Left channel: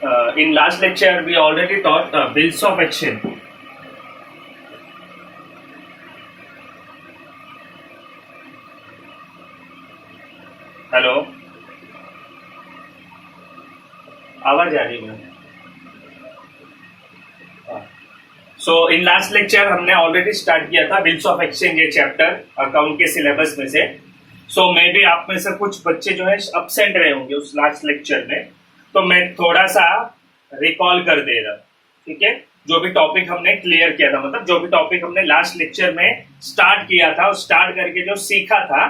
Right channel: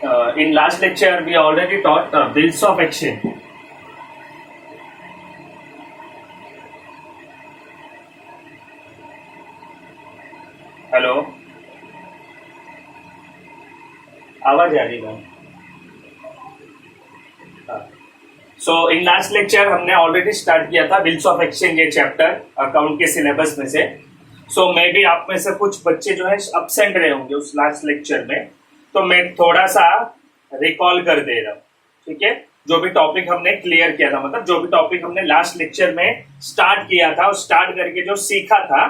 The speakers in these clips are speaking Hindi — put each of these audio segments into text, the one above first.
In last lecture, we already taught bills of exchange. Hello, आवाज आ रही ma'am? So in last lecture हमने ऑलरेडी स्टार्ट किया था बिल्स ऑफ एक्सचेंज ये चैप्टर अकाउंट के सिलेबस में से. सो मे बी आप में से कुछ बच्चे जो है अब्सेंट रहे होंगे उस लास्ट लेक्चर में, तो मैं थोड़ा सा रिकॉल कर दे रहा हूँ. ठीक है, जो भी टॉपिक हमने क्लियर किया था, मतलब जो भी टॉपिक हमने लास्ट लेक्चर में स्टार्ट किया था, स्टार्ट करके जो सीखा था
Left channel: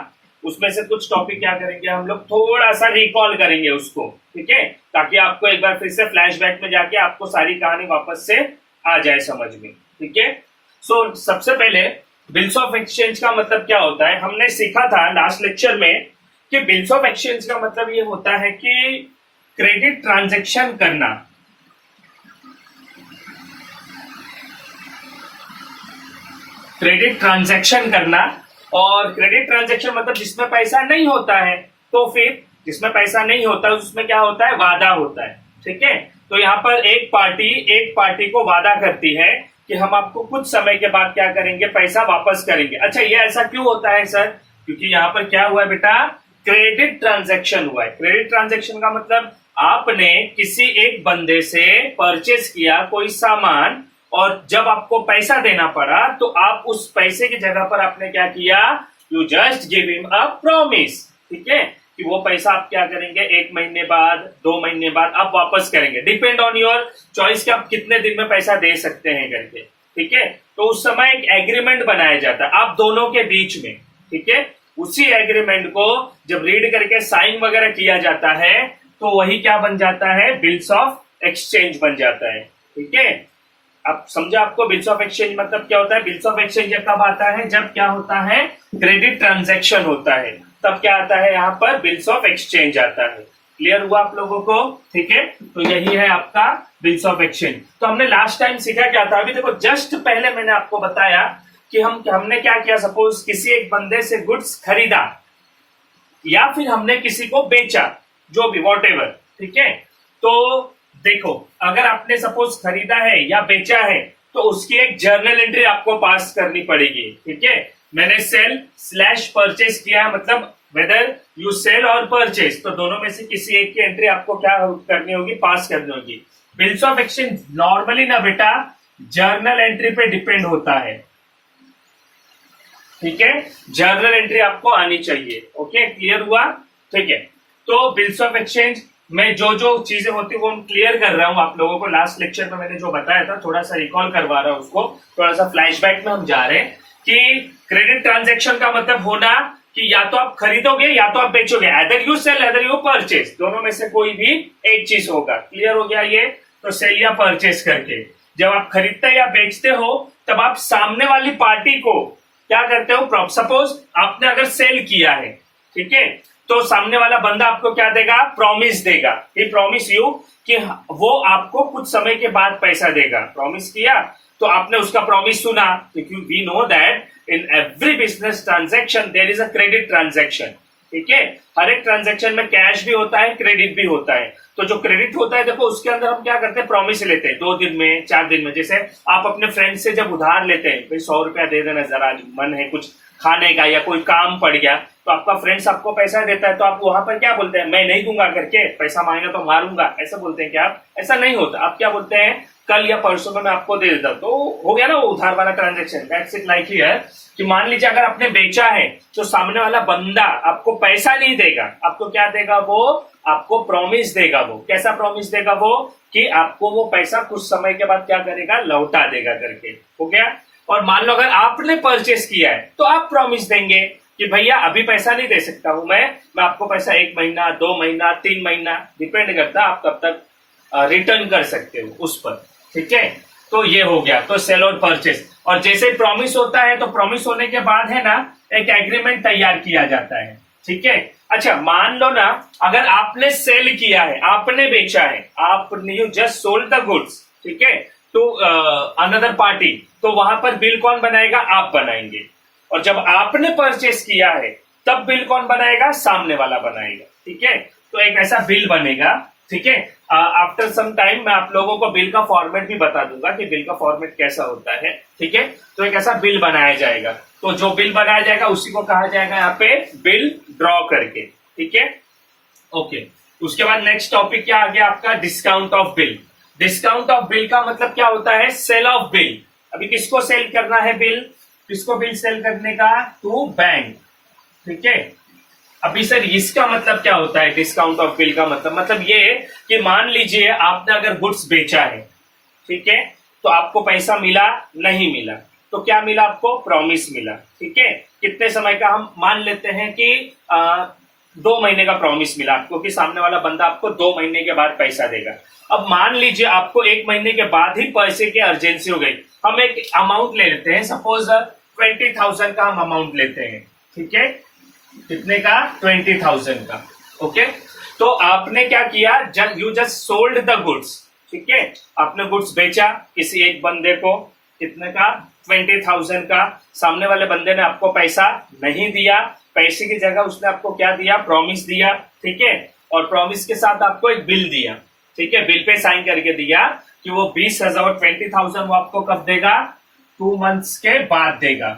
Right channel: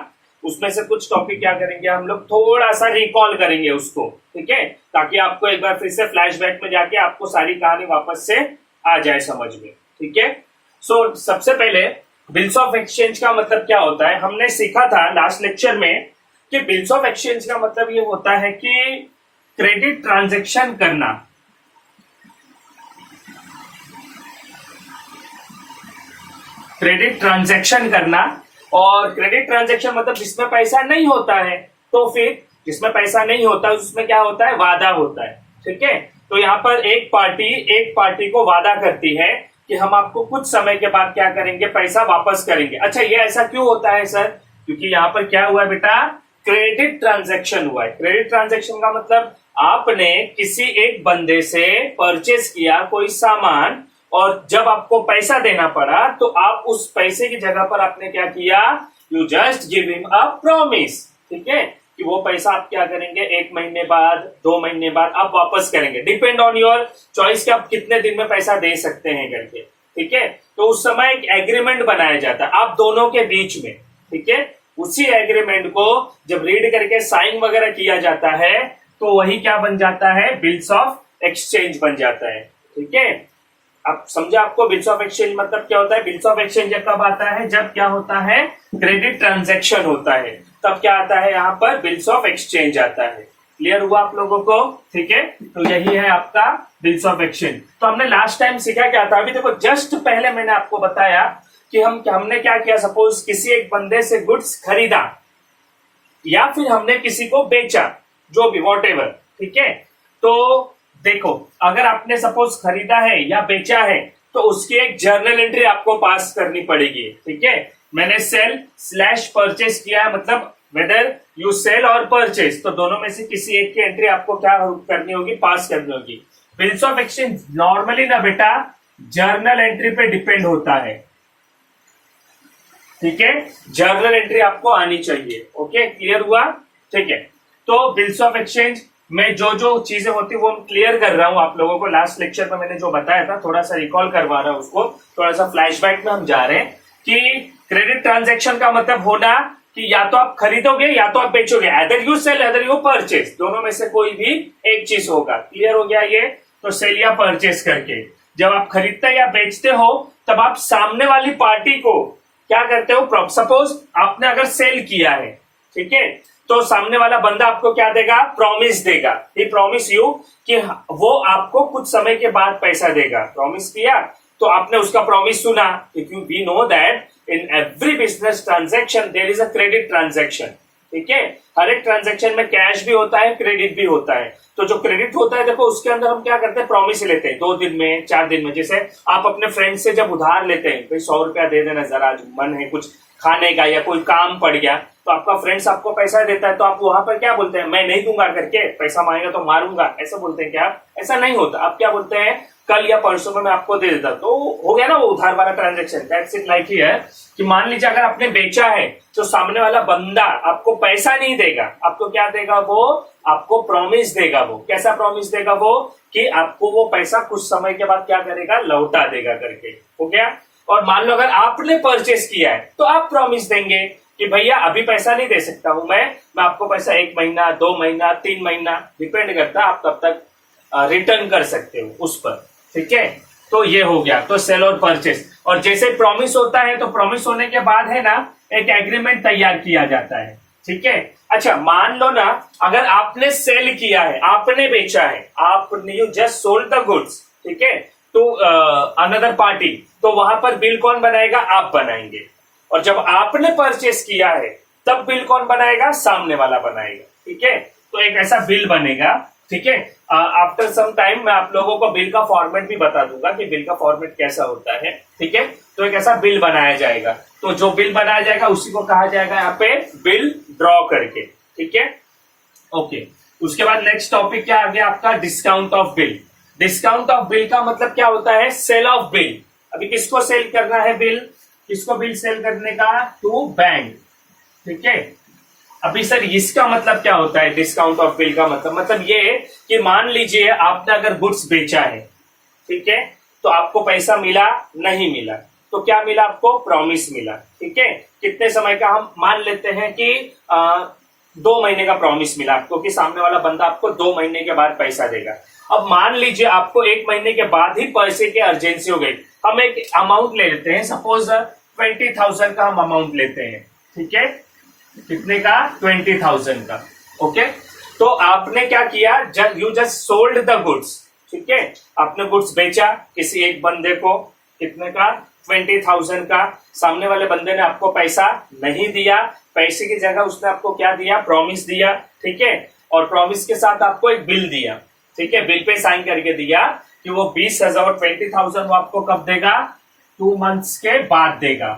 उसमें से कुछ टॉपिक क्या करेंगे हम लोग, थोड़ा सा रिकॉल करेंगे उसको. ठीक है, ताकि आपको एक बार फिर से फ्लैशबैक में जाके आपको सारी कहानी वापस से आ जाए समझ में. ठीक है, सो सबसे पहले बिल्स ऑफ एक्सचेंज का मतलब क्या होता है हमने सीखा था लास्ट लेक्चर में कि बिल्स ऑफ एक्सचेंज का मतलब ये होता है कि क्रेडिट ट्रांजैक्शन करना. क्रेडिट ट्रांजैक्शन करना, और क्रेडिट ट्रांजैक्शन मतलब जिसमें पैसा नहीं होता है, तो फिर जिसमें पैसा नहीं होता उसमें क्या होता है, वादा होता है. ठीक है, तो यहाँ पर एक पार्टी को वादा करती है कि हम आपको कुछ समय के बाद क्या करेंगे, पैसा वापस करेंगे. अच्छा, ये ऐसा क्यों होता है सर? क्योंकि यहाँ पर क्या हुआ है बेटा, क्रेडिट ट्रांजैक्शन हुआ है. क्रेडिट ट्रांजैक्शन का मतलब आपने किसी एक बंदे से परचेस किया कोई सामान, और जब आपको पैसा देना पड़ा तो आप उस पैसे की जगह पर आपने क्या किया, you just give him a promise. ठीक है, कि वो पैसा आप क्या करेंगे, 1 महीने बाद, 2 महीने बाद आप वापस करेंगे. डिपेंड ऑन योर चॉइस कि आप कितने दिन में पैसा दे सकते हैं करके. ठीक है, तो उस समय एक एग्रीमेंट बनाया जाता है आप दोनों के बीच में. ठीक है, उसी एग्रीमेंट को जब रीड करके साइन वगैरह किया जाता है तो वही क्या बन जाता है, बिल्स ऑफ एक्सचेंज बन जाता है. ठीक है, अब समझा आपको बिल्स ऑफ एक्सचेंज मतलब क्या होता है. बिल्स ऑफ एक्सचेंज कब आता है, जब क्या होता है, क्रेडिट ट्रांजैक्शन होता है, तब क्या आता है यहाँ पर, बिल्स ऑफ एक्सचेंज आता है. क्लियर हुआ आप लोगों को? ठीक है, तो यही है आपका बिल्स ऑफ एक्सचेंज. तो हमने लास्ट टाइम सीखा क्या था, अभी देखो जस्ट पहले मैंने आपको बताया कि हमने क्या किया, सपोज किसी एक बंदे से गुड्स खरीदा या फिर हमने किसी को बेचा, जो भी वॉटेवर. ठीक है, तो देखो अगर आपने सपोज खरीदा है या बेचा है तो उसकी एक जर्नल एंट्री आपको पास करनी पड़ेगी. ठीक है, मैंने सेल स्लैश परचेस किया है, मतलब वेदर यू सेल और परचेस, तो दोनों में से किसी एक की एंट्री आपको क्या करनी होगी, पास करनी होगी. बिल्स ऑफ एक्सचेंज नॉर्मली ना बेटा जर्नल एंट्री पे डिपेंड होता है. ठीक है, जर्नल एंट्री आपको आनी चाहिए. ओके, क्लियर हुआ? ठीक है, तो बिल्स ऑफ एक्सचेंज में जो जो चीजें होती है वो मैं क्लियर कर रहा हूं आप लोगों को. लास्ट लेक्चर में मैंने जो बताया था थोड़ा सा रिकॉल करवा रहा हूं उसको, थोड़ा सा फ्लैशबैक में हम जा रहे हैं कि क्रेडिट ट्रांजैक्शन का मतलब होना कि या तो आप खरीदोगे या तो आप बेचोगे, either you sell either you purchase, दोनों में से कोई भी एक चीज होगा. क्लियर हो गया ये? तो सेल या परचेस करके जब आप खरीदते या बेचते हो तब आप सामने वाली पार्टी को क्या करते हो, सपोज आपने अगर सेल किया है, ठीक है, तो सामने वाला बंदा आपको क्या देगा, प्रॉमिस देगा. ही प्रॉमिस यू कि वो आपको कुछ समय के बाद पैसा देगा. प्रॉमिस किया तो आपने उसका प्रॉमिस सुना, क्योंकि we know that in every business transaction there is a credit transaction. ठीक है, हर एक ट्रांजैक्शन में कैश भी होता है, क्रेडिट भी होता है. तो जो क्रेडिट होता है देखो उसके अंदर हम क्या करते हैं, प्रॉमिस लेते हैं 2 दिन में 4 दिन में. जैसे आप अपने फ्रेंड से जब उधार लेते हैं, भाई 100 रुपया दे देना जरा, आज मन है कुछ खाने का या कोई काम पड़ गया, तो आपका फ्रेंड्स आपको पैसा देता है, तो आप वहां पर क्या बोलते हैं, मैं नहीं दूंगा करके, पैसा मांगेगा तो मारूंगा, ऐसा बोलते हैं क्या आप? ऐसा नहीं होता. आप क्या बोलते हैं, कल या परसों में मैं आपको दे देता. तो हो गया ना वो उधार वाला transaction. That's it. Like he है कि मान लीजिए अगर आपने बेचा है तो सामने वाला बंदा आपको पैसा नहीं देगा, आपको क्या देगा, वो आपको प्रॉमिस देगा. वो कैसा प्रॉमिस देगा, वो कि आपको वो पैसा कुछ समय के बाद क्या करेगा, लौटा देगा करके. हो गया? और मान लो अगर आपने परचेस किया है तो आप प्रॉमिस देंगे कि भैया अभी पैसा नहीं दे सकता हूं मैं आपको पैसा 1 महीना 2 महीना 3 महीना, डिपेंड करता आप कब तक रिटर्न कर सकते हो उस पर. ठीक है, तो ये हो गया, तो सेल और परचेस. और जैसे प्रॉमिस होता है तो प्रॉमिस होने के बाद है ना एक एग्रीमेंट तैयार किया जाता है. ठीक है, अच्छा मान लो ना अगर आपने सेल किया है, आपने बेचा है, आपने you just sold the goods, ठीक है, तो अनदर पार्टी, तो वहां पर बिल कौन बनाएगा, आप बनाएंगे. और जब आपने परचेस किया है तब बिल कौन बनाएगा, सामने वाला बनाएगा. ठीक है, तो एक ऐसा बिल बनेगा. ठीक है, आफ्टर सम टाइम मैं आप लोगों को बिल का फॉर्मेट भी बता दूंगा कि बिल का फॉर्मेट कैसा होता है, ठीक है। तो एक ऐसा बिल बनाया जाएगा, तो जो बिल बनाया जाएगा उसी को कहा जाएगा यहाँ पे बिल ड्रॉ करके, ठीक है। ओके, उसके बाद नेक्स्ट टॉपिक क्या आ गया आपका, discount of bill. Discount of bill का मतलब क्या होता है, सेल ऑफ बिल। अभी किसको सेल करना है बिल, किसको बिल सेल करने का, टू बैंक, ठीक है। अभी सर इसका मतलब क्या होता है, डिस्काउंट ऑफ बिल का मतलब ये कि मान लीजिए आपने अगर गुड्स बेचा है, ठीक है, तो आपको पैसा मिला नहीं मिला, तो क्या मिला आपको, प्रॉमिस मिला, ठीक है। कितने समय का, हम मान लेते हैं कि 2 महीने का प्रॉमिस मिला आपको कि सामने वाला बंदा आपको 2 महीने के बाद पैसा देगा। अब मान लीजिए आपको 1 महीने के बाद ही पैसे की अर्जेंसी हो गई, हम एक अमाउंट ले लेते हैं, सपोज 20,000 का हम अमाउंट लेते हैं, ठीक है। कितने का, 20,000 का, ओके। तो आपने क्या किया, you just sold the goods, ठीक है। आपने गुड्स बेचा किसी एक बंदे को, कितने का, 20,000 का। सामने वाले बंदे ने आपको पैसा नहीं दिया, पैसे की जगह उसने आपको क्या दिया, प्रॉमिस दिया, ठीक है। और प्रॉमिस के साथ आपको एक बिल दिया, ठीक है। बिल पे साइन करके दिया कि वो 20,000 20,000 वो आपको कब देगा, 2 मंथ्स के बाद देगा,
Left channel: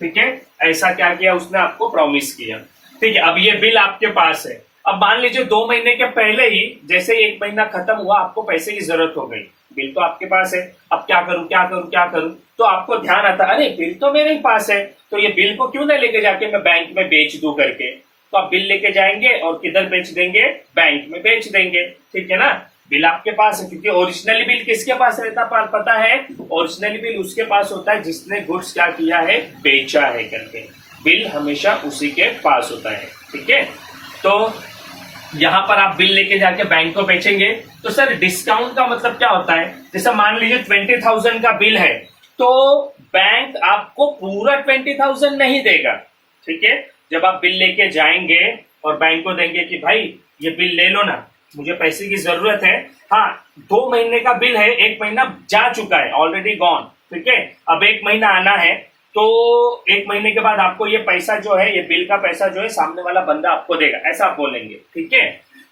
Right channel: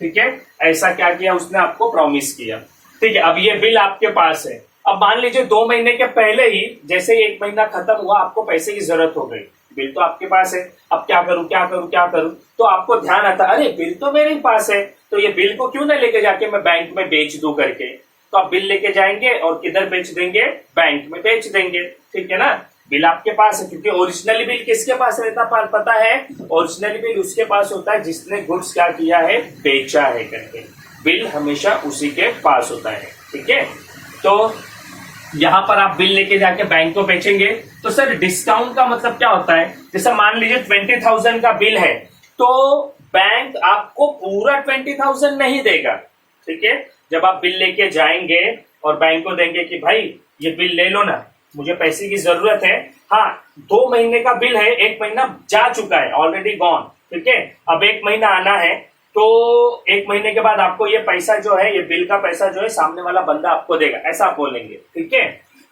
ठीक है। ऐसा क्या किया उसने, आपको प्रॉमिस किया, ठीक है। अब ये बिल आपके पास है। अब मान लीजिए 2 महीने के पहले ही, जैसे ही 1 महीना खत्म हुआ, आपको पैसे की जरूरत हो गई, बिल तो आपके पास है, अब क्या करूं क्या करूं क्या करूं, तो आपको ध्यान आता, अरे बिल तो मेरे ही पास है, तो ये बिल को क्यों ना लेके जाके मैं बैंक में बेच दूं करके। तो आप बिल लेके जाएंगे और किधर बेच देंगे, बैंक में बेच देंगे, ठीक है ना। बिल आपके पास है, क्योंकि ओरिजिनली बिल किसके पास रहता पता है, ओरिजिनली बिल उसके पास होता है जिसने गुड्स क्या किया है, बेचा है करके। बिल हमेशा उसी के पास होता है, ठीक है। तो यहां पर आप बिल लेके जाके बैंक को बेचेंगे। तो सर डिस्काउंट का मतलब क्या होता है, जैसे मान लीजिए 20,000 का बिल है, तो बैंक आपको पूरा 20,000 नहीं देगा, ठीक है। जब आप बिल लेके जाएंगे और बैंक को देंगे कि भाई ये बिल ले लो ना, मुझे पैसे की जरूरत है, हाँ 2 महीने का बिल है, 1 महीना जा चुका है, ऑलरेडी गॉन, ठीक है। अब 1 महीना आना है, तो 1 महीने के बाद आपको ये पैसा जो है, ये बिल का पैसा जो है सामने वाला बंदा आपको देगा, ऐसा आप बोलेंगे, ठीक है।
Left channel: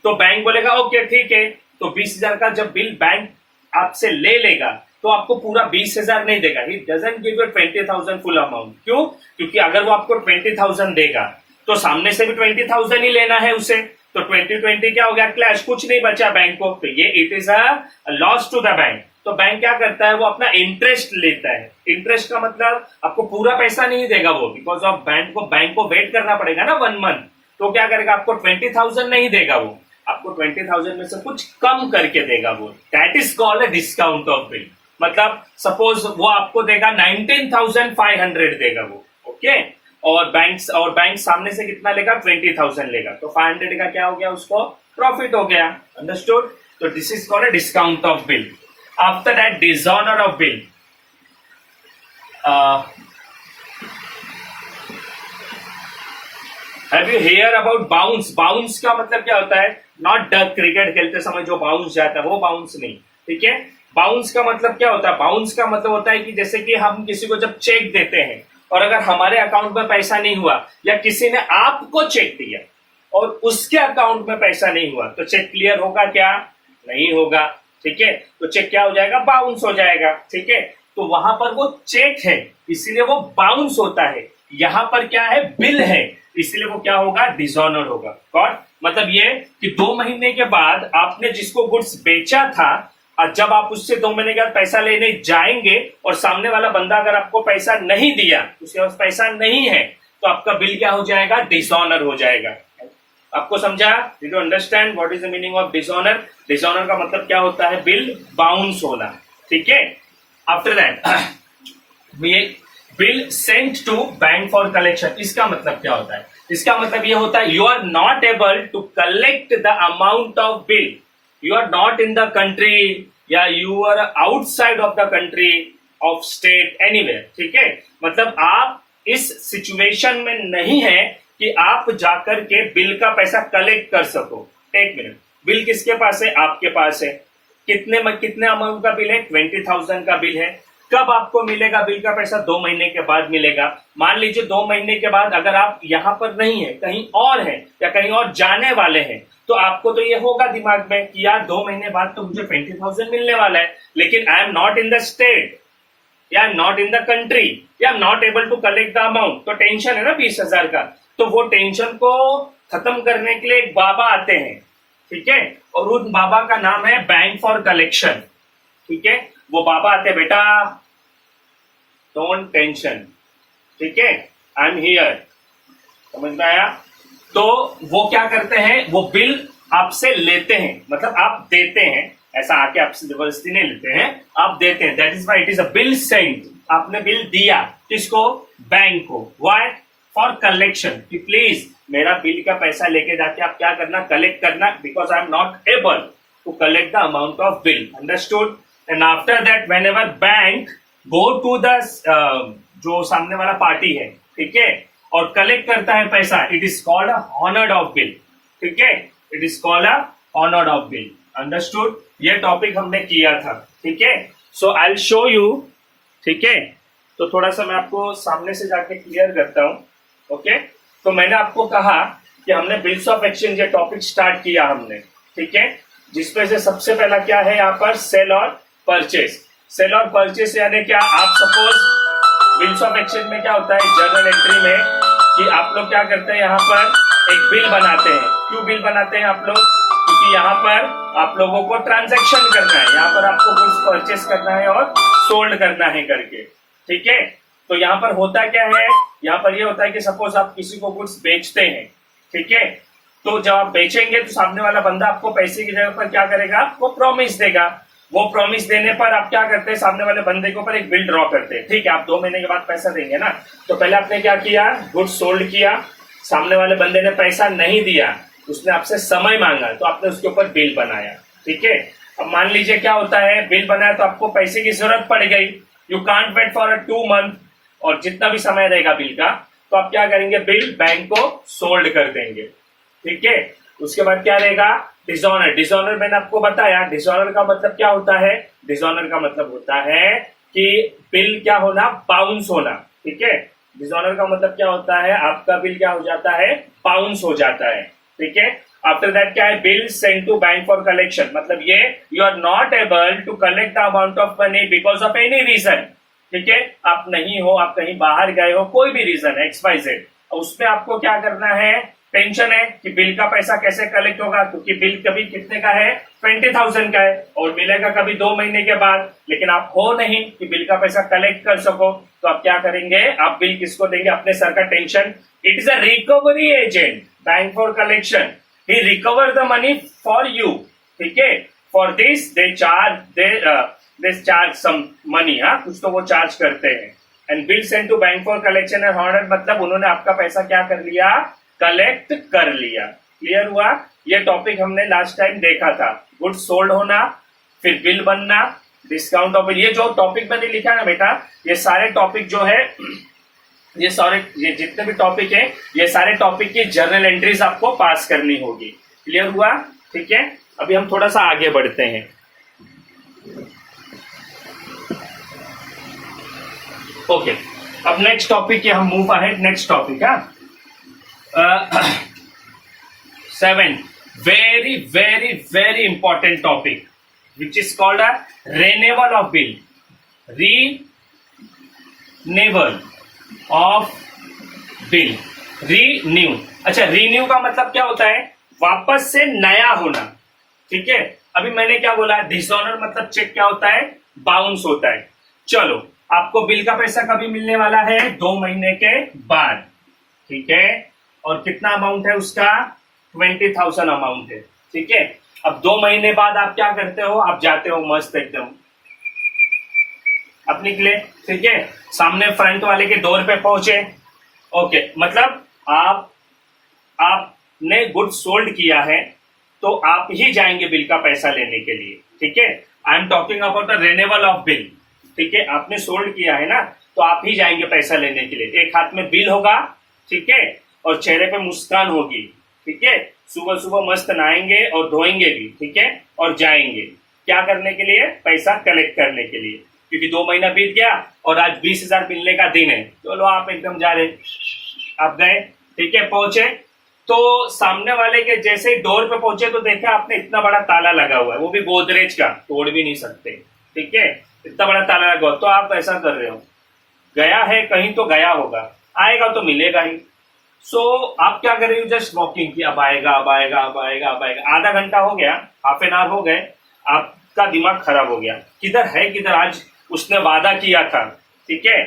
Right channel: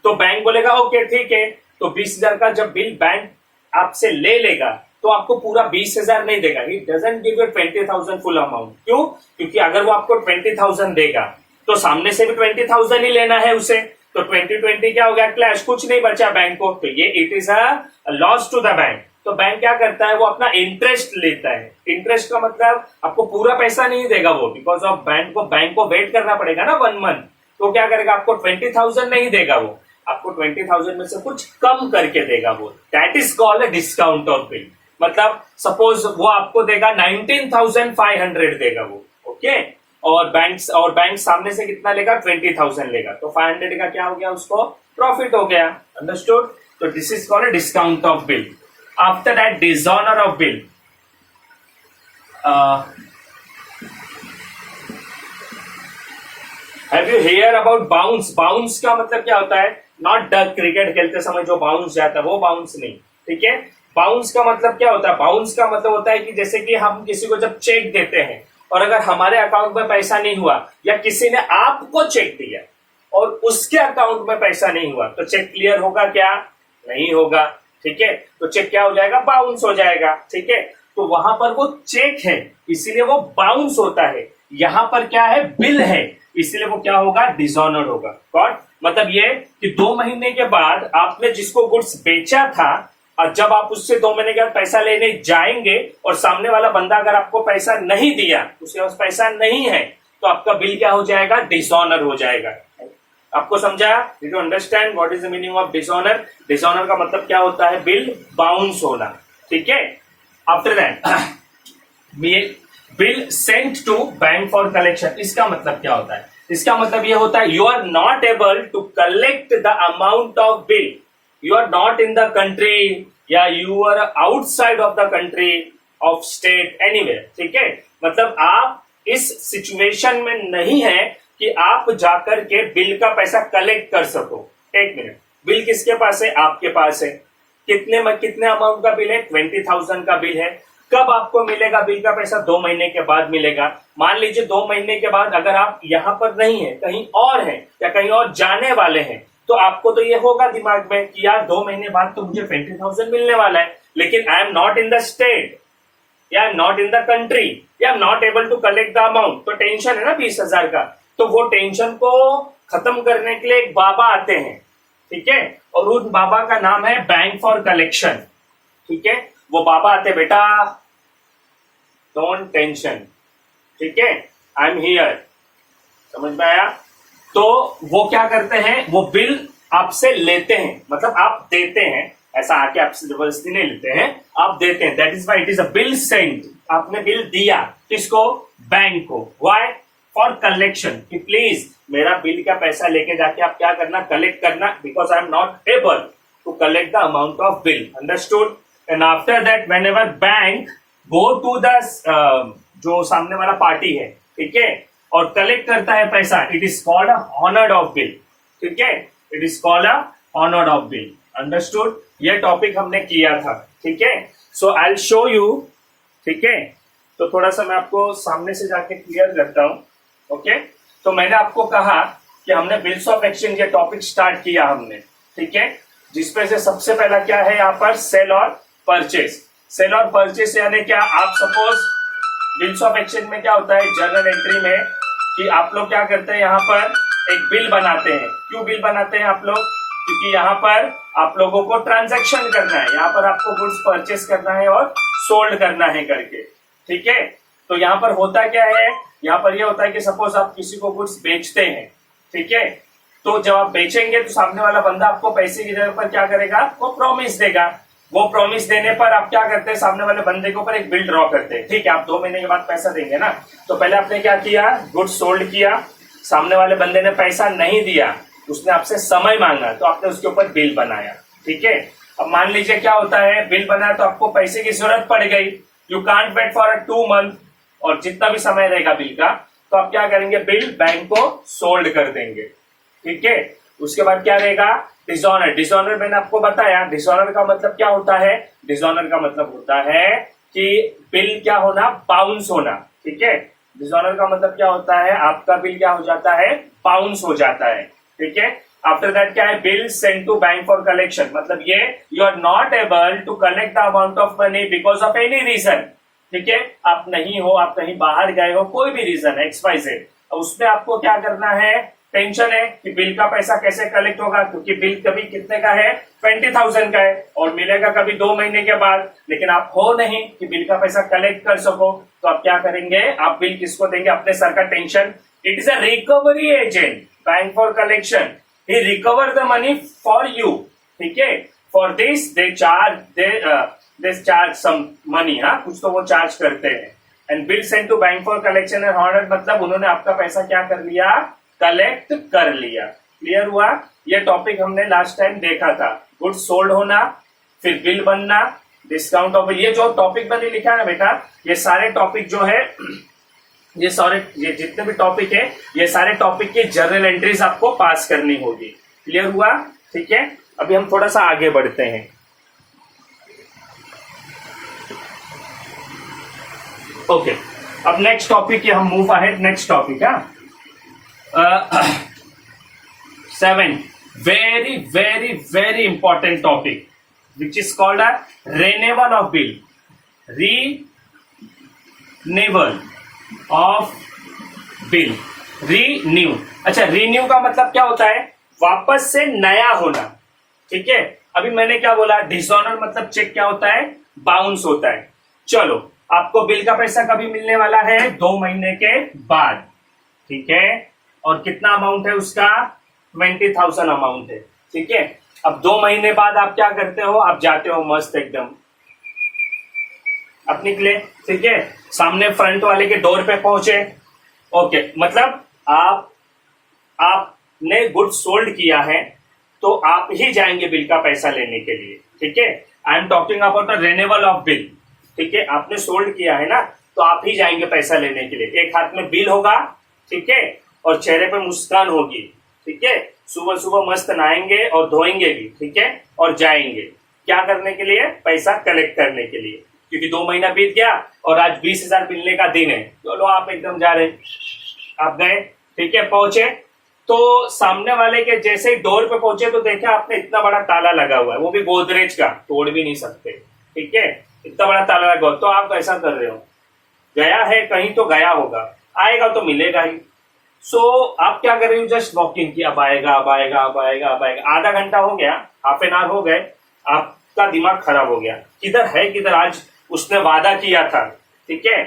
तो बैंक बोलेगा ओके ठीक है, तो 20,000 का जब बिल बैंक आपसे ले लेगा, तो आपको पूरा 20,000 नहीं देगा, he doesn't give you 20,000 full amount. क्यों, क्योंकि अगर वो आपको 20,000 देगा, तो सामने से भी 20,000 ही लेना है उसे, तो 2020 क्या हो गया, क्लैश, कुछ नहीं बचा बैंक को, तो ये it is a loss to the bank. तो बैंक क्या करता है, वो अपना इंटरेस्ट लेता है। इंटरेस्ट का मतलब आपको पूरा पैसा नहीं देगा वो, बिकॉज ऑफ बैंक को वेट करना पड़ेगा ना 1 मंथ। तो क्या करेगा, आपको 20,000 नहीं देगा वो, आपको 20,000 में से कुछ कम करके देगा वो। That is called a discount of bill. मतलब सपोज वो आपको देगा 19,500 देगा वो, ओके। और बैंक सामने से कितना लेगा, 20,000 लेगा, तो 500 का क्या हो गया, उसको प्रॉफिट हो गया, अंडरस्टूड। तो this is called a discount of bill. After that dishonour of bill. Have you here about bounce. Bounce का मतलब क्या होता है, नॉट डक, क्रिकेट खेलते समय जो बाउंस जाता है वो बाउंस नहीं, ठीक है। बाउंस का मतलब क्या होता है, बाउंस का मतलब होता है कि जैसे कि हम किसी को जब चेक देते हैं और अगर हमारे अकाउंट में पैसा नहीं हुआ, या किसी ने आपको चेक दिया और उसके अकाउंट में पैसा नहीं हुआ, तो चेक क्लियर होगा क्या, नहीं होगा, ठीक है। तो चेक क्या हो जाएगा, बाउंस हो जाएगा, ठीक है। तो वहां पर वो चेक है इसीलिए वो बाउंस होता है, यहां पर क्या है, बिल है, इसलिए वो क्या होगा, डिसऑनर होगा। कौन, मतलब ये कि 2 महीने के बाद आपने जिसको गुड्स बेचा था, और जब आप उससे 2 महीने के बाद पैसा लेने जाएंगे और सामने वाला बंदा अगर आपको पैसा नहीं दिया, उसके पास पैसा नहीं है, तो आपका बिल क्या हो जाएगा, डिसऑनर हो जाएगा। आपको समझा, did you understand what is the meaning of dishonour. Dishonour का मतलब क्या होता है, बिल बाउंस होना, ठीक है। After that bill sent to bank for collection. इसका मतलब क्या होता है, इसका मतलब ये होता है, you are not able to collect the amount of bill, you are not in the country, या you are outside of the country of state anywhere, ठीक है। मतलब आप इस सिचुएशन में नहीं है कि आप जाकर के बिल का पैसा कलेक्ट कर सको। एक मिनट, बिल किसके पास है, आपके पास है। कितने अमाउंट का बिल है, 20,000 का बिल है। कब आपको मिलेगा बिल का पैसा, 2 महीने के बाद मिलेगा। मान लीजिए 2 महीने के बाद अगर आप यहां पर नहीं है, कहीं और है या कहीं और जाने वाले हैं, तो आपको तो ये होगा दिमाग में कि यार 2 महीने बाद तो मुझे 20,000 मिलने वाला है, लेकिन I am not in the state, या I am not in the country, या I am not able to collect the amount. तो टेंशन है ना 20,000 का। तो वो टेंशन को खत्म करने के लिए एक बाबा आते हैं, ठीक है, और उन बाबा का नाम है बैंक फॉर कलेक्शन, ठीक है। वो बाबा आते हैं, बेटा डोंट टेंशन, ठीक है, आई एम हियर, समझ में आया। तो वो क्या करते हैं, वो बिल आपसे लेते हैं, मतलब आप देते हैं, ऐसा आके आपसे जबरदस्ती नहीं लेते हैं, आप देते हैं। That is why it is a bill sent. आपने बिल दिया किसको, बैंक को। व्हाई, फॉर कलेक्शन, कि प्लीज मेरा बिल का पैसा लेके जाके आप क्या करना, कलेक्ट करना, because I am not able to collect the amount of bill, understood. And after that whenever bank go to the जो सामने वाला पार्टी है, ठीक है, और कलेक्ट करता है पैसा, it is called honoured of bill, ठीक है, it is called honoured of bill, understood. ये टॉपिक हमने किया था, ठीक है। So I will show you, ठीक है। तो थोड़ा सा मैं आपको सामने से जाके क्लियर करता हूं, ओके। तो मैंने आपको कहा कि हमने बिल्स ऑफ एक्सचेंज ये टॉपिक स्टार्ट किया हमने, ठीक है, जिसमें से सबसे पहला क्या है यहाँ पर, सेल और परचेस। सेल और परचेस यानी क्या, आप सपोज बिल्स ऑफ एक्सचेंज में क्या होता है, जर्नल एंट्री में, कि आप लोग क्या करते हैं, यहाँ पर एक बिल बनाते हैं। क्यों बिल बनाते हैं आप लोग, क्योंकि यहाँ पर आप लोगों को ट्रांजैक्शन करना है, यहाँ पर आपको गुड्स परचेस करना है और सोल्ड करना है करके, ठीक है। तो यहाँ पर होता क्या है, यहाँ पर ये होता है कि सपोज आप किसी को गुड्स बेचते हैं, ठीक है, तो जब आप बेचेंगे तो सामने वाला बंदा आपको पैसे की जगह पर क्या करेगा, वो प्रॉमिस देगा। वो प्रॉमिस देने पर आप क्या करते हैं, सामने वाले बंदे के ऊपर एक बिल ड्रॉ करते हैं, ठीक है। आप 2 महीने के बाद पैसा देंगे ना, तो पहले आपने क्या किया, गुड्स सोल्ड किया, सामने वाले बंदे ने पैसा नहीं दिया, उसने आपसे समय मांगा, तो आपने उसके ऊपर बिल बनाया, ठीक है। अब मान लीजिए क्या होता है, बिल बनाया तो आपको पैसे की जरूरत पड़ गई, you can't wait for 2 month, और जितना भी समय रहेगा बिल का, तो आप क्या करेंगे, बिल बैंक को सोल्ड कर देंगे, ठीक है। उसके बाद क्या रहेगा, डिसऑनर। डिसऑनर मैंने आपको बताया, डिसऑनर का मतलब क्या होता है, डिसऑनर का मतलब होता है कि बिल क्या होना, बाउंस होना, ठीक है। डिसऑनर का मतलब क्या होता है, आपका बिल क्या हो जाता है, बाउंस हो जाता है, ठीक है। आफ्टर दैट क्या है, bill send to bank for collection, मतलब ये you are not able to collect the amount of money because of any reason, ठीक है। आप नहीं हो, आप कहीं बाहर गए हो, कोई भी रीजन है, XYZ, उसमें आपको क्या करना है, टेंशन है कि बिल का पैसा कैसे कलेक्ट होगा, क्योंकि बिल कभी कितने का है, 20,000 का है, और मिलेगा कभी 2 महीने के बाद, लेकिन आप हो नहीं कि बिल का पैसा कलेक्ट कर सको, तो आप क्या करेंगे, आप बिल किसको देंगे, अपने सर का tension. It is a recovery agent, bank for collection, he recover the money for you, ठीक है। For this they charge some money, हाँ, कुछ तो वो चार्ज करते हैं। And bill send to bank for collection and honoured, मतलब उन्होंने आपका पैसा क्या कर लिया, कलेक्ट कर लिया। क्लियर हुआ, ये टॉपिक हमने लास्ट टाइम देखा था, गुड्स सोल्ड होना, फिर बिल बनना, डिस्काउंट ऑफ बिल। ये जो टॉपिक मैंने लिखा है ना बेटा, ये सारे टॉपिक जो है, ये जितने भी टॉपिक है, ये सारे टॉपिक की जर्नल एंट्रीज आपको पास करनी होगी। क्लियर हुआ, ठीक है। अभी हम थोड़ा सा आगे बढ़ते हैं, ओके। अब नेक्स्ट टॉपिक है, हम मूव अहेड, नेक्स्ट टॉपिक है 7, very very very important topic which is called a renewal of bill, renewal of bill, renew। अच्छा, renew का मतलब क्या होता है, वापस से नया होना, ठीक है। अभी मैंने क्या बोला, डिसऑनर मतलब चेक क्या होता है, बाउंस होता है। चलो, आपको बिल का पैसा कभी मिलने वाला है, 2 महीने के बाद, ठीक है, और कितना अमाउंट है उसका, 20,000 अमाउंट है, ठीक है। अब 2 महीने बाद आप क्या करते हो, आप जाते हो मस्त एकदम, आप निकले, ठीक है, सामने फ्रंट वाले के डोर पे पहुंचे, ओके, मतलब आपने गुड सोल्ड किया है, तो आप ही जाएंगे बिल का पैसा लेने के लिए, ठीक है। I am talking about the renewal of bill, ठीक है। आपने सोल्ड किया है ना, तो आप ही जाएंगे पैसा लेने के लिए। एक हाथ में बिल होगा, ठीक है, और चेहरे पे मुस्कान होगी, ठीक है। सुबह सुबह मस्त नहाएंगे और धोएंगे भी, ठीक है, और जाएंगे क्या करने के लिए, पैसा कलेक्ट करने के लिए, क्योंकि 2 महीना बीत गया और आज 20,000 मिलने का दिन है, चलो आप एकदम जा रहे, आप गए, ठीक है, पहुंचे, तो सामने वाले के जैसे ही डोर पे पहुंचे तो देखा आपने इतना बड़ा ताला लगा हुआ है, वो भी गोदरेज का, तोड़ भी नहीं सकते, ठीक है, इतना बड़ा ताला लगा हुआ, तो आप ऐसा कर रहे हो, गया है कहीं तो गया होगा, आएगा तो मिलेगा ही। सो आप क्या कर रहे हो, जस्ट वॉकिंग की, अब आएगा अब आएगा अब आएगा अब आएगा, आधा घंटा हो गया, हाफ एन आवर हो गए, आपका दिमाग खराब हो गया, किधर है किधर, आज उसने वादा किया था, ठीक है,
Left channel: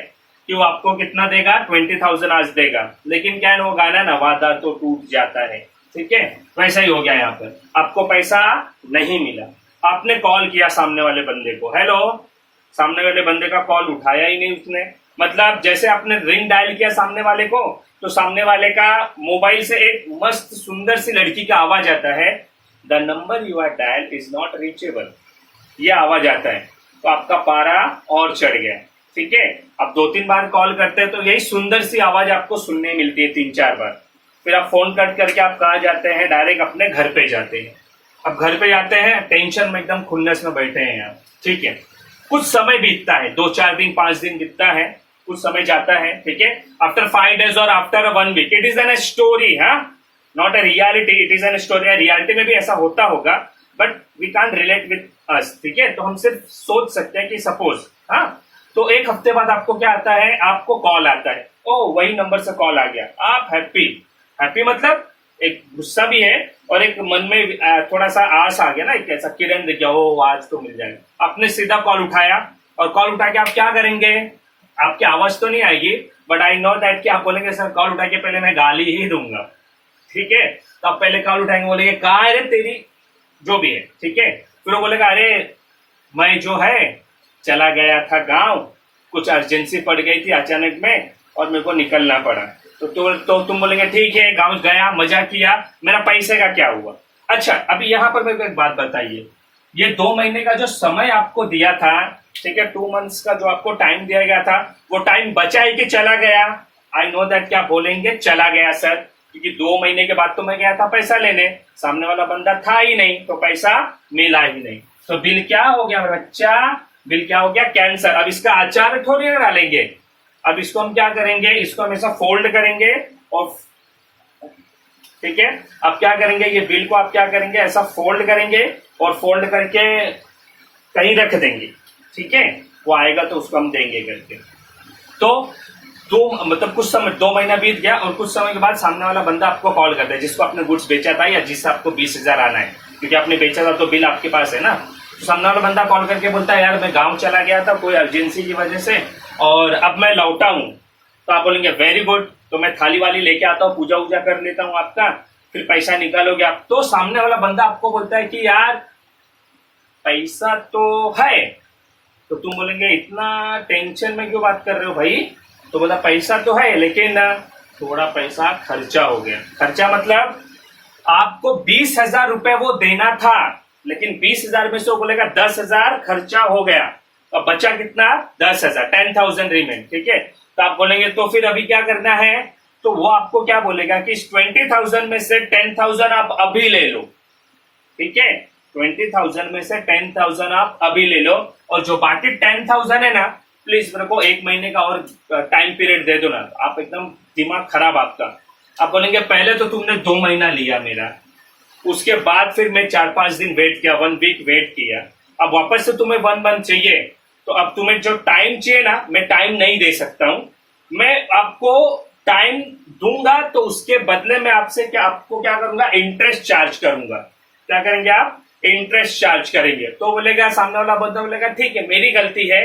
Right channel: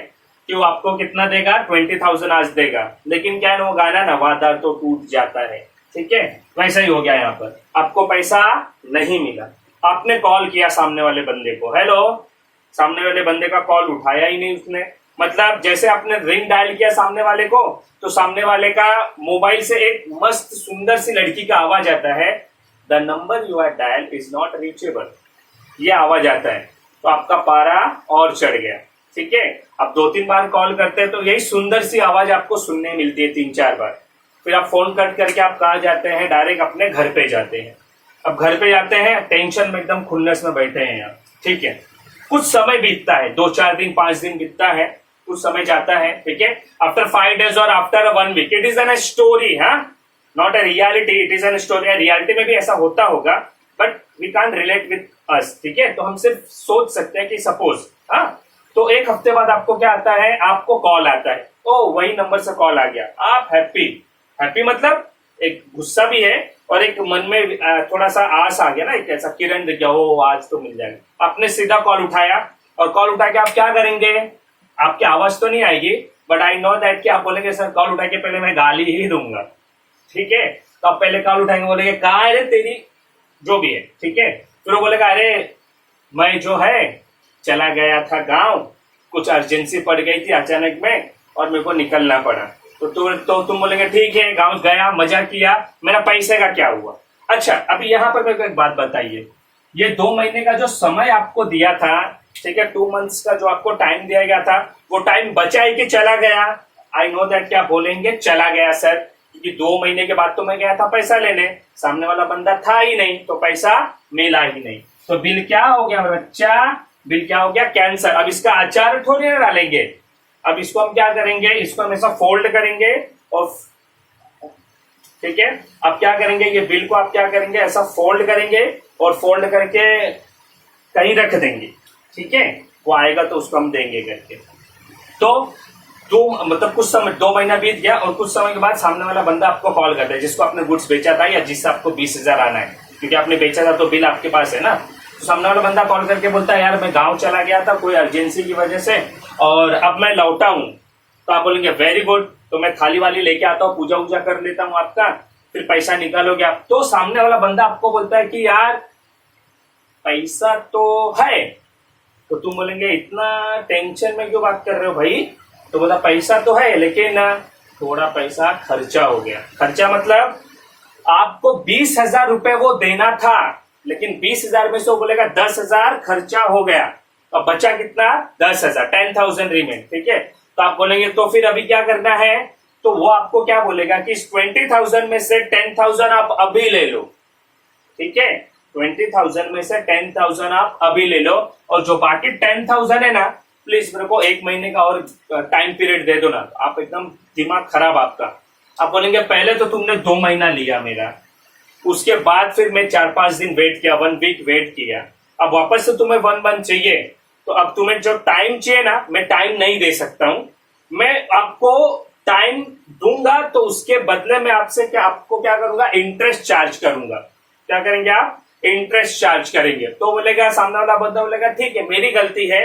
कि वो आपको कितना देगा, 20,000 आज देगा, लेकिन क्या है वो गाना ना, वादा तो टूट जाता है, ठीक है, वैसा ही हो गया यहाँ पर, आपको पैसा नहीं मिला। आपने कॉल किया सामने वाले बंदे को, हेलो, सामने वाले बंदे का कॉल उठाया ही नहीं उसने, मतलब जैसे आपने रिंग डायल किया सामने वाले को, तो सामने वाले का मोबाइल से एक मस्त सुंदर सी लड़की का आवाज आता है, the number you are dial is not reachable, ये आवाज आता है, तो आपका पारा और चढ़ गया, ठीक है। अब 2-3 बार कॉल करते हैं तो यही सुंदर सी आवाज आपको सुनने मिलती है 3-4 बार, फिर आप फोन कट करके आप कहाँ जाते हैं, डायरेक्ट अपने घर पे जाते हैं। अब घर पे जाते हैं, टेंशन में एकदम खुन्नस में बैठे हैं आप, ठीक है, कुछ समय बीतता है, 2-4 दिन 5 दिन बीतता है, कुछ समय जाता है, ठीक है, आफ्टर 5 days और after 1 week, it is an story, हाँ, not a reality, it is an story. Reality में भी ऐसा होता होगा, but we can't relate with us, ठीक है, तो हम सिर्फ सोच सकते हैं कि सपोज, हाँ, तो 1 हफ्ते बाद आपको क्या आता है, आपको कॉल आता है, ओ वही नंबर से कॉल आ गया, आप हैप्पी, हैप्पी मतलब एक गुस्सा भी है और एक मन में थोड़ा सा आस आ गया ना, एक ऐसा किरण दिख गया, ओ आज तो मिल जाएगा। आपने सीधा कॉल उठाया और कॉल उठा के आप क्या करेंगे, आपकी आवाज तो नहीं आएगी, बट आई नो दैट कि आप बोलेंगे सर कॉल उठा के पहले मैं गाली ही दूंगा, ठीक है, तो आप पहले कॉल उठाएंगे, बोलेंगे कहाँ है रे तेरी, जो भी है, ठीक है, फिर वो बोलेगा अरे मैं जो है चला गया था गांव, कुछ अर्जेंसी पड़ गई थी अचानक में और मेरे को निकलना पड़ा, तो तुम बोलेंगे ठीक है, गांव गया, मजा किया, मेरा पैसे का क्या हुआ। अच्छा, अभी यहाँ पर मेरे को एक बात बताइए, ये 2 महीने का जो समय आपको दिया था, ठीक है, 2 months का जो आपको टाइम दिया गया था, वो टाइम बचा है कि चला गया। आई नो दैट क्या बोलेंगे, चला गया सर, क्योंकि 2 महीने के बाद तो मैं गया था पैसा लेने, सामने वाला बंदा था ही नहीं, तो पैसा मिला ही नहीं, तो बिल क्या हो गया बच्चा, बिल क्या हो गया, कैंसर। अब इसका आचार थोड़ी ना डालेंगे, अब इसको हम क्या करेंगे, इसको हमेशा फोल्ड करेंगे और, ठीक है, अब क्या करेंगे, ये बिल को आप क्या करेंगे, ऐसा फोल्ड करेंगे और फोल्ड करके कहीं रख देंगे, ठीक है, वो आएगा तो उसको हम देंगे करके। तो मतलब कुछ समय, 2 महीना बीत गया और कुछ समय के बाद सामने वाला बंदा आपको कॉल करता है, जिसको आपने गुड्स बेचा था या जिससे आपको 20,000 आना है, क्योंकि आपने बेचा था तो बिल आपके पास है ना, तो सामने वाला बंदा कॉल करके बोलता है यार मैं गांव चला गया था कोई अर्जेंसी की वजह से और अब मैं लौटा हूं, तो आप बोलेंगे वेरी गुड, तो मैं थाली वाली लेके आता हूँ, पूजा वूजा कर लेता हूँ आपका, फिर पैसा निकालोगे आप। तो सामने वाला बंदा आपको बोलता है कि यार पैसा तो है, तो तुम बोलेंगे इतना टेंशन में क्यों बात कर रहे हो भाई, तो बोला पैसा तो है लेकिन थोड़ा पैसा खर्चा हो गया। खर्चा मतलब आपको 20,000 रुपए वो देना था, लेकिन 20,000 में से वो बोलेगा 10,000 खर्चा हो गया, अब बचा कितना, 10,000, 10,000 रिमेन, ठीक है, तो आप बोलेंगे तो फिर अभी क्या करना है, तो वो आपको क्या बोलेगा कि इस 20,000 में से 10,000 आप अभी ले लो, ठीक है, 20,000 में से 10,000 आप अभी ले लो और जो बाकी 10,000 है ना, प्लीज मेरे को 1 महीने का और टाइम पीरियड दे दो ना। आप एकदम दिमाग खराब आपका, आप बोलेंगे पहले तो तुमने 2 महीना लिया मेरा, उसके बाद फिर मैं 4-5 दिन वेट किया, 1 week वेट किया, अब वापस से तुम्हें 1 month चाहिए, तो अब तुम्हें जो टाइम चाहिए ना, मैं टाइम नहीं दे सकता हूं, मैं आपको टाइम दूंगा तो उसके बदले में आपसे आपको क्या करूंगा, इंटरेस्ट चार्ज करूंगा। क्या करेंगे आप, इंटरेस्ट चार्ज करेंगे। तो बोलेगा सामने वाला बंदा बोलेगा ठीक है मेरी गलती है,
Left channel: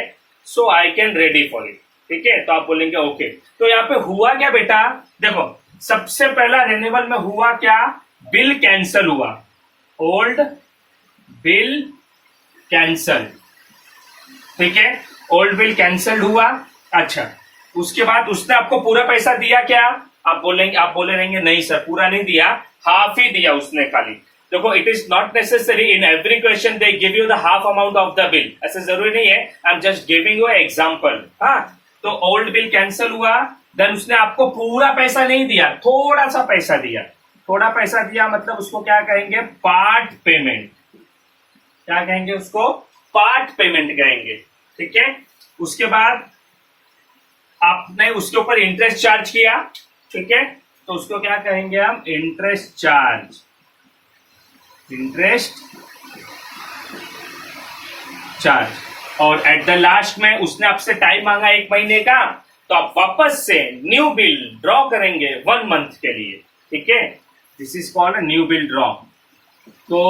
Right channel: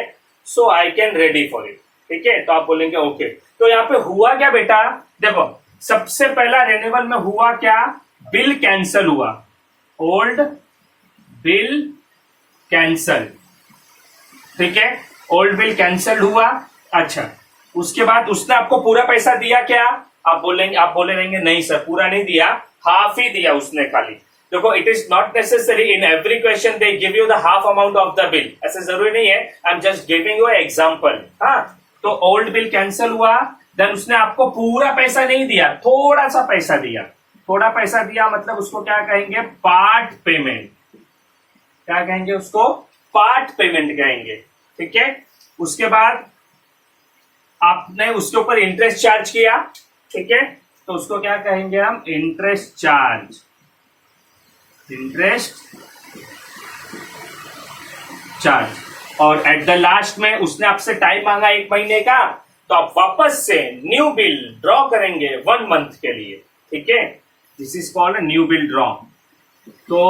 so I can ready for it, ठीक है, तो आप बोलेंगे ओके। तो यहाँ पे हुआ क्या बेटा, देखो सबसे पहला रिन्यूअल में हुआ क्या, बिल कैंसल हुआ, ओल्ड बिल कैंसल, ठीक है, ओल्ड बिल कैंसल हुआ। अच्छा, उसके बाद उसने आपको पूरा पैसा दिया क्या, आप बोले रहेंगे नहीं सर पूरा नहीं दिया, हाफ ही दिया उसने खाली। देखो it is not necessary in every question they give you the half amount of the bill, ऐसे जरूरी नहीं है, I am just giving you example. हाँ, तो ओल्ड बिल कैंसिल हुआ, देन उसने आपको पूरा पैसा नहीं दिया, थोड़ा सा पैसा दिया, थोड़ा पैसा दिया मतलब उसको क्या कहेंगे, पार्ट पेमेंट, क्या कहेंगे उसको, पार्ट पेमेंट कहेंगे, ठीक है। उसके बाद आपने उसके ऊपर इंटरेस्ट चार्ज किया, ठीक है, तो उसको क्या कहेंगे हम, इंटरेस्ट चार्ज, इंटरेस्ट चार्ज। और एट द लास्ट में उसने आपसे टाइम मांगा 1 महीने का, तो आप वापस से न्यू बिल ड्रॉ करेंगे 1 मंथ के लिए, ठीक है। This is called new bill draw. तो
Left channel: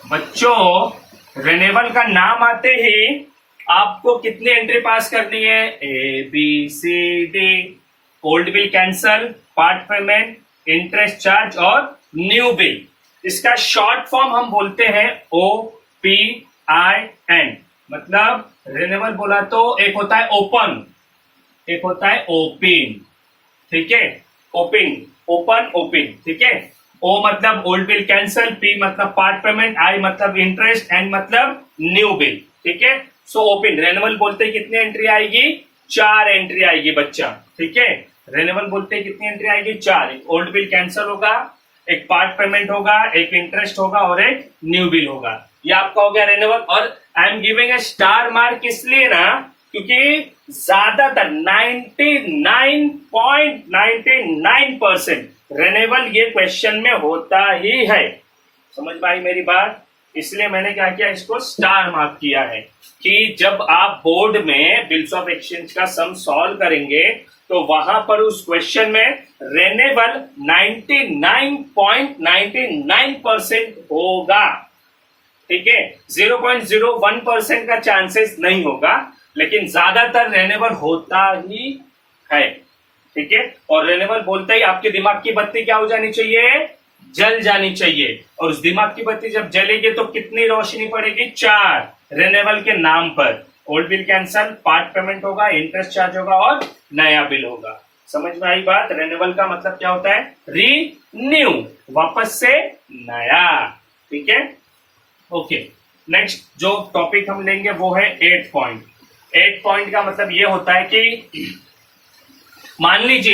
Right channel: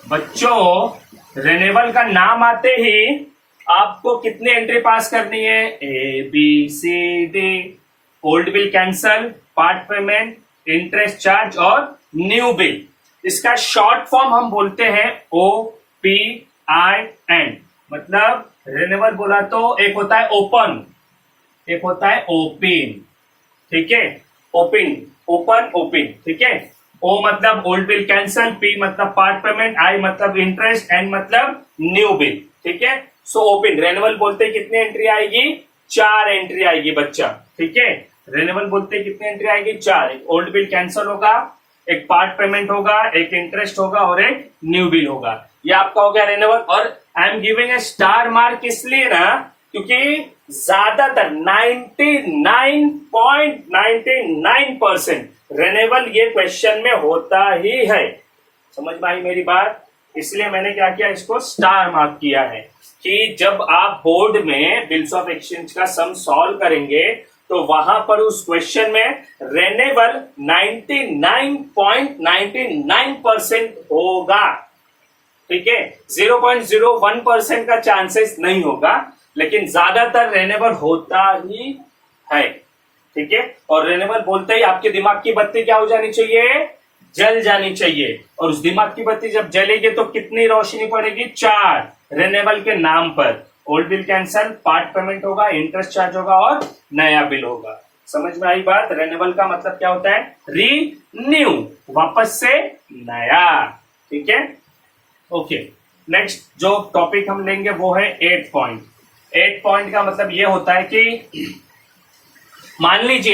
बच्चों, रिन्यूअल का नाम आते ही आपको कितनी एंट्री पास करनी है, ABCD, old bill cancel, part payment, interest charge और न्यू बिल। इसका शॉर्ट फॉर्म हम बोलते हैं OPIN। मतलब रिन्यूअल बोला तो एक होता है ओपन, एक होता है ओपन, ठीक है। ओपन, ओपन, ओपन, ठीक है। O मतलब ओल्ड बिल कैंसल, P मतलब पार्ट पेमेंट, I मतलब इंटरेस्ट, N मतलब न्यू बिल, ठीक है। सो ओपन रिन्यूअल बोलते ही कितनी एंट्री आएगी, 4 एंट्री आएगी बच्चा, ठीक है। रिन्यूअल बोलते ही कितनी एंट्री आएगी, 4। एक ओल्ड बिल कैंसल होगा, एक पार्ट पेमेंट होगा, एक इंटरेस्ट होगा और एक न्यू बिल होगा। ये आपका हो गया रिन्यूअल। और I am giving a star mark इसलिए ना, क्योंकि ज्यादातर 99.99% रिन्यूअल ये क्वेश्चन में होता ही है। समझ में आई मेरी बात? इसलिए मैंने क्या किया, इसको स्टार मार्क किया है कि जब आप बोर्ड में बिल्स ऑफ एक्सचेंज का सम सॉल्व करेंगे तो वहां पर उस क्वेश्चन में रिन्यूअल 99.99% होगा, ठीक है। 0.01% का चांसेस नहीं होगा, लेकिन ज्यादातर रिन्यूअल होता ही है, ठीक है। और रिन्यूअल बोलते ही आपके दिमाग की बत्ती क्या हो जानी चाहिए, जल जानी चाहिए। और उस दिमाग की बत्ती जब जलेगी तो कितनी रोशनी पड़ेगी, 4 रिन्यूअल के नाम पर। Old bill cancel, part payment होगा, इंटरेस्ट चार्ज होगा और नया बिल होगा। समझ में आई बात? रिन्यूअल का मतलब क्या होता है, रीन्यू, वापस से नया, ठीक है। ओके, नेक्स्ट जो टॉपिक हम लेंगे वो है 8 पॉइंट। 8 पॉइंट का मतलब ये होता है कि मान लीजिए